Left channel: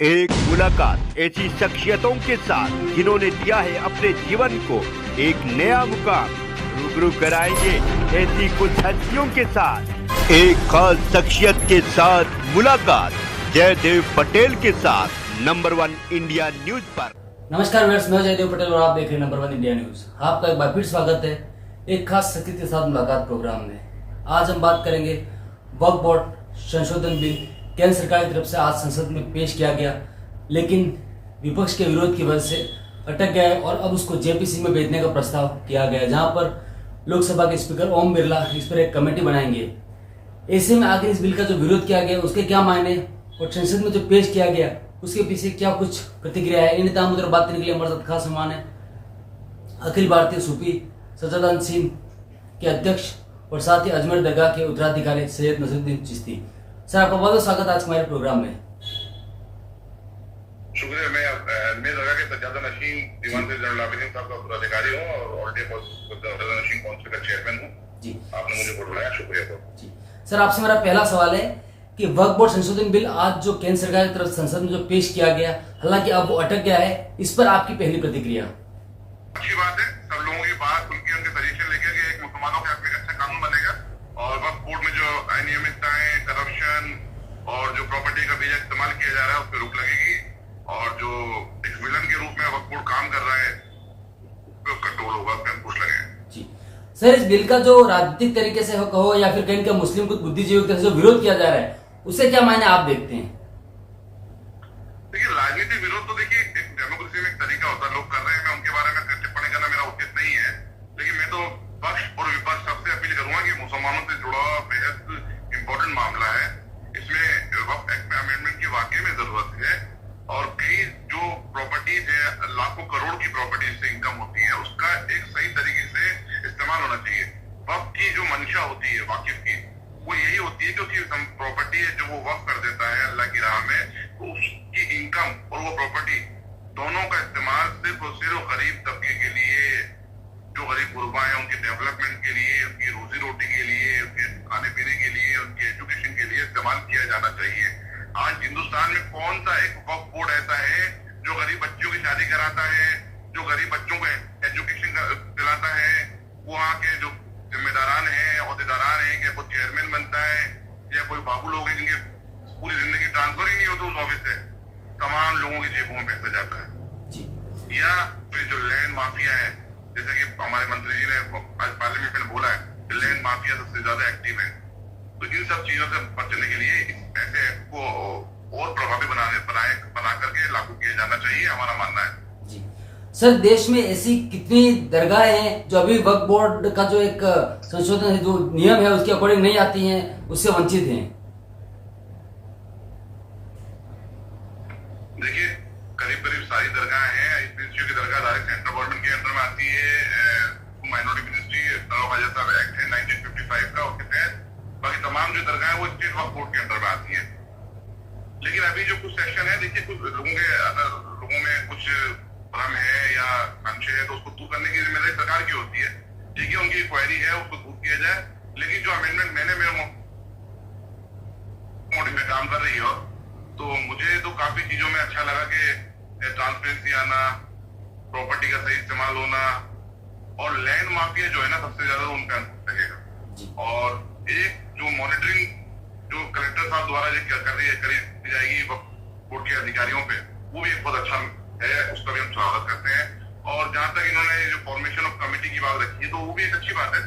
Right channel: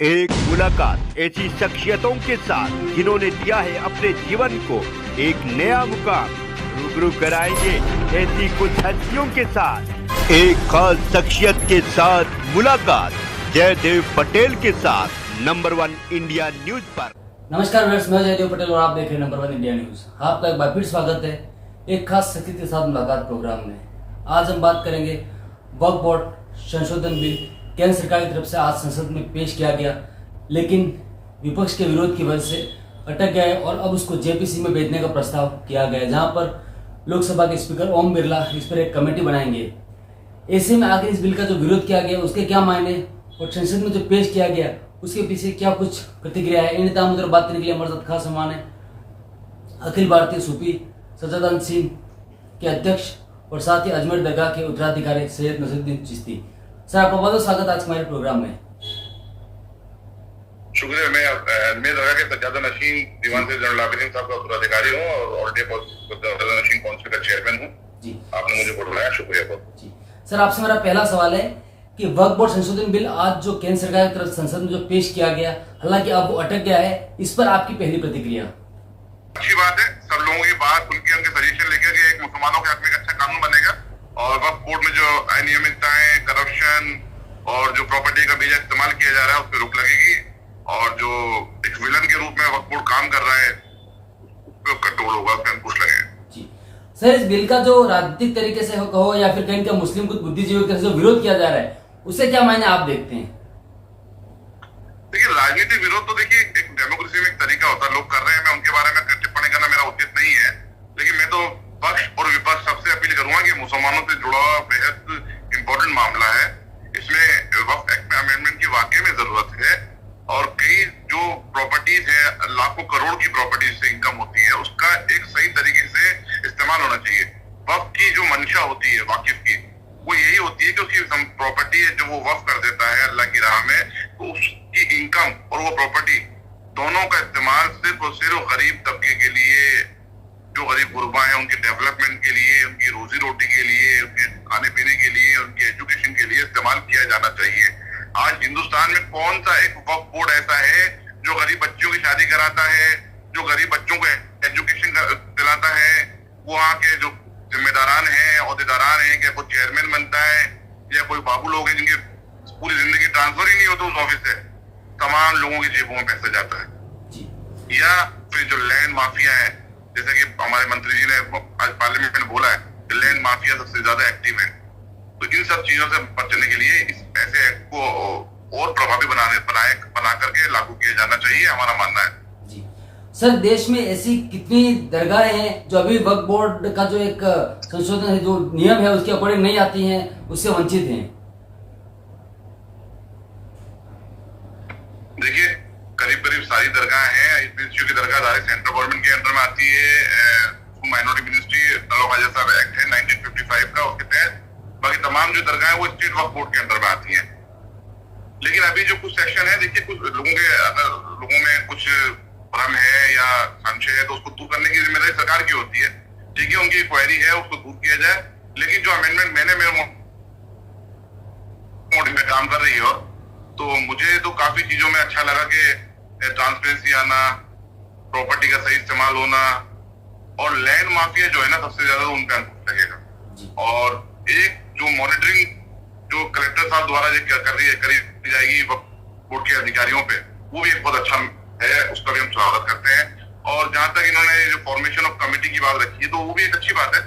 एक मुलाकात ऐसी शख्सियतों के साथ जिन्होंने दिया है अपने जीवन को एक नया मुकाम। रूबरू कराएंगे ऐसी कुछ हस्तियों के साथ एक खास शख्सियत के साथ मुलाकात जयदेव पटेल के साथ नंबर 1 इंडिया न्यूज पर। नमस्कार व्यूअर्स, मैं जयदेव पटेल और आप देख रहे हैं नंबर 1 इंडिया न्यूज। आपका एक बार फिर स्वागत है एक खास शख्सियत के साथ मुलाकात प्रोग्राम में। आज हम बात करेंगे वक्फ बोर्ड संशोधन बिल केंद्र सरकार की तरफ से आज संसद में पेश किया गया, लेकिन विपक्ष के विरोध की वजह से अटक गया है और अब उसको जेपीसी में भेजने का प्रस्ताव किया गया है, जहां पर लोकसभा के स्पीकर ओम बिरला इस पर एक कमेटी बनाएंगे। ऐसे में आखिर इस बिल का जो विरोध किया गया उसके क्या मायने और संसद में जो पेश किया गया उसके पीछे क्या कुछ प्रतिक्रिया है, इन तमाम बात करने के लिए हमारे साथ खास मेहमान है अखिल भारतीय सूफी सज्जादान सिंह के अध्यक्ष और साथ ही अजमेर दरगाह के उत्तराधिकारी सैयद नसरुद्दीन चिश्ती। सर, आपका बहुत बहुत स्वागत आज हमारे प्रोग्राम में। शुक्रिया। मैं अजमेर दरगाह के सज्जादान नशीन दीवान से जनरल आबिदीन साहब का उत्तराधिकारी हूँ और ऑलरेडी सज्जादान नशीन काउंसिल का चेयरमैन हूँ जी। आपने मुझे बुलाया, शुक्रिया बहुत जी। सर, आपसे मेरा पहला सवाल है कि वक्फ बोर्ड संशोधन बिल आज जो केंद्र सरकार की तरफ संसद में जो पेश किया गया, हालांकि अब वो अटक गया है, इस पर आपकी पहली प्रतिक्रिया? अच्छी बात है, सब लोगों की बात सुन के उनके सजेशन लेकर के एक मुसलमानों के हक में अच्छा कानून बनेगा और वक्फ बोर्ड में जो अनियमितताएं, करप्शन और जो प्रॉपर्टी का बीजा इस्तेमाल किया जा रहा है उस पर रोक लगेगी और जो एक विलन के रूप में वक्फ बोर्ड काम कर रहा है उस पर कंट्रोल होगा, उस पर अंकुश लगेगा जी। सर, इस बिल का जो राजनीतिक तरीके से कहो या फिर कहीं का मुस्लिम कुछ बुद्धिजीवी की तरफ से जो विरोध किया जा रहा है उससे क्या मायने आप देखते हैं? देखिए, राजनीतिक विरोध तो देखिए एक डेमोक्रेसी में एक तरीका होता है, लोग कर रहे हैं, मैं उनके बारे में टिप्पणी करना मेरा उचित नहीं है, लेकिन मैं तो पक्ष और विपक्ष सबसे अपील करूंगा कि मुसलमानों से जुड़ा हुआ बेहद इंपॉर्टेंट मामला है, इसमें वक्फ एक्ट में अमेंडमेंट की वाकई में जरूरत है और कई जो प्रॉपर्टीज है, लाखों करोड़ की प्रॉपर्टीज से इनकम होती है, उसका एक सही तरीके से इस्तेमाल होना चाहिए। वक्फ की जो मंशा होती है वाकिफ की, वो यही होती है कि उसकी प्रॉपर्टी है जो वो वक्फ कर देता है अल्लाह की राह में, तो उसकी इनकम और वो प्रॉपर्टी दोनों का इस्तेमाल सिर्फ और सिर्फ गरीब तबके के लिए, जो गरीब गुरबा है उनके डेवलपमेंट के लिए, उनकी रोजी रोटी के लिए, उनके खाने पीने के लिए, उनके एजुकेशन के लिए इस्तेमाल किया जाना चाहिए। आज हिंदुस्तान में कौन सा एक वक्फ बोर्ड ऐसा है जो गरीब बच्चों की शादी कराता है, जो गरीब बच्चों को एजुकेशन दिलाता है, वहाँ के जो जिम्मेदारान है, अहदेदारान है, क्या कोई चेयरमैन बनता है या कोई बाबू लोग हैं जिनके पूरी जिंदगी ट्रांसफर ही नहीं होता उस ऑफिस से, तमाम लोगों की जेबों में पैसा जाता है। या फिर जो लैंड माफिया है, जैसे कि हमारे मंत्री जी ने आज पार्लियामेंट में बोला है कि लैंड माफिया सबसे ज्यादा एक्टिव है, तो इन सब चीजों से बचने के लिए इस ऐसे एक्ट को और प्रभावी बना करके लागू किया जाना चाहिए, हमारा मानना है जी। सर, देश में ऐसी कितनी दरगाहें हैं जो अभी वक्फ बोर्ड का जो एक संशोधन है, जो नियम है उसके अकॉर्डिंग नहीं आती हैं, उससे वंचित हैं? देखिए, करीब करीब सारी दरगाह हैं। की दरगाह सेंट्रल गवर्नमेंट के अंडर में आती है, माइनॉरिटी मिनिस्ट्री जैसा एक्ट है 1955 का, उसके तहत बाकी तमाम जो दरगाह है वो स्टेट वक्फ बोर्ड के अंडर में आती है। लेकिन अभी जो कुछ सेक्शन है, देखिए कुछ लोगों के अगर लोगों में कुछ भ्रम है या संशय है तो उसको दूर करने की जिम्मेदारी सरकार की होती है। ठीक है, उनकी क्वेरी है, उसको दूर किया जाए, लेकिन जो अमेंडमेंट मैंने मेरे मोड में काम कर रही हो तो मुझे तो काफी चीजों में अच्छा लगा कि ट्रांसपेरेंसी आना, प्रॉपर्टी का सही इस्तेमाल होना और लैंड माफिया जो है ना सबसे ज्यादा उनका लगेगा। और एक जो मॉनिटरिंग जो कलेक्टर साहब द्वारा करी जाएगी बोर्ड के अधिकारियों पे, वो भी एक बहुत अच्छा है, उसका भी हम स्वागत करते हैं। और जहां तक इन्होंने जो फॉर्मेशन ऑफ कमेटी की बात रखी है तो वो भी एक अच्छी बात है,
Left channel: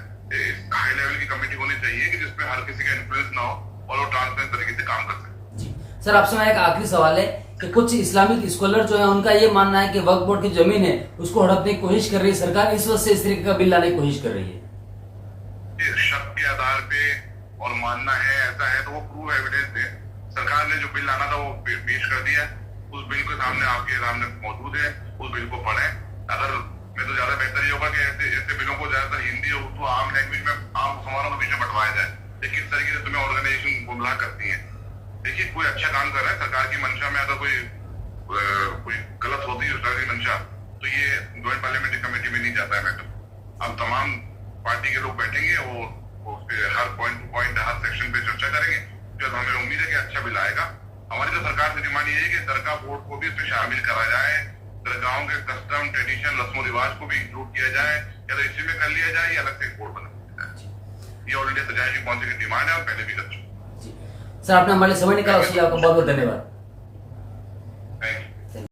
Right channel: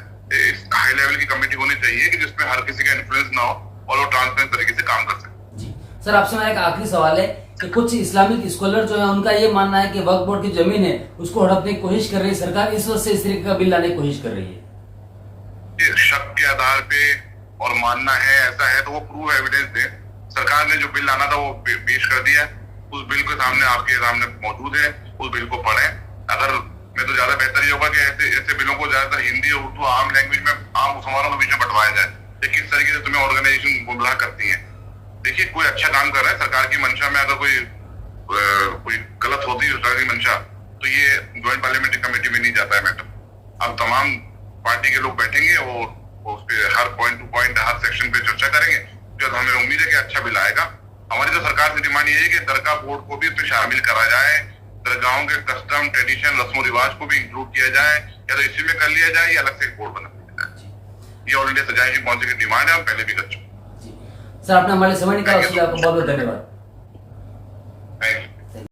हाई लेवल की कमेटी होनी चाहिए कि जिसमें हर किसी का इन्फ्लुएंस ना हो और वो ट्रांसपेरेंट तरीके से काम कर सके। सर, आपसे मेरा एक आखिरी सवाल है कि कुछ इस्लामिक स्कॉलर जो है उनका ये मानना है कि वक्फ बोर्ड की जमीन है उसको हड़पने की कोशिश कर रही है सरकार, इस वजह से इस तरीके का बिल लाने की कोशिश कर रही है। शक के आधार पे और मानना है ऐसा है तो वो प्रूव एविडेंस दे। सरकार ने जो बिल लाना था वो पेश कर दिया, उस बिल के सामने आपके सामने मौजूद है, उस बिल को पढ़ें। अगर मैं तो ज्यादा बेहतर ये होगा कि ऐसे बिलों को ज्यादातर हिंदी और उर्दू आम लैंग्वेज में आम मुसलमानों के बीच में बंटवाया जाए। देखिए किस तरीके से तुम्हें ऑर्गेनाइजेशन गुमराह करती है। देखिए, कोई अच्छा काम कर रहा है, सरकार की मंशा में अगर कोई गलत होती है सरकार की मंशा, तो ये ज्वाइंट पार्लियामेंट्री कमेटी में नहीं जाता है मैटर। अब तमाम पार्टी के लोग बैठेंगे और उस पर हर पॉइंट टू पॉइंट हर सेक्शन पे चर्चा करेंगे, जो हमें उम्मीद है कि अच्छा बिल आएगा हमारी तो सरकार से डिमांड ये है कि दरगाह बोर्ड को भी इसमें शामिल करा जाए, दरगाहों के कस्टम ट्रेडिशन रस्म रिवाज को भी इंक्लूड किया जाए, या तो इसी में कर लिया जाए या अलग से एक बोर्ड बना दिया जाए। ये ऑल इंडिया सजाई काउंसिल की डिमांड है, हम पहले भी कर चुके हैं। सर आपने हमारे लिए समय निकाला, उसके लिए आपका बहुत बहुत धन्यवाद।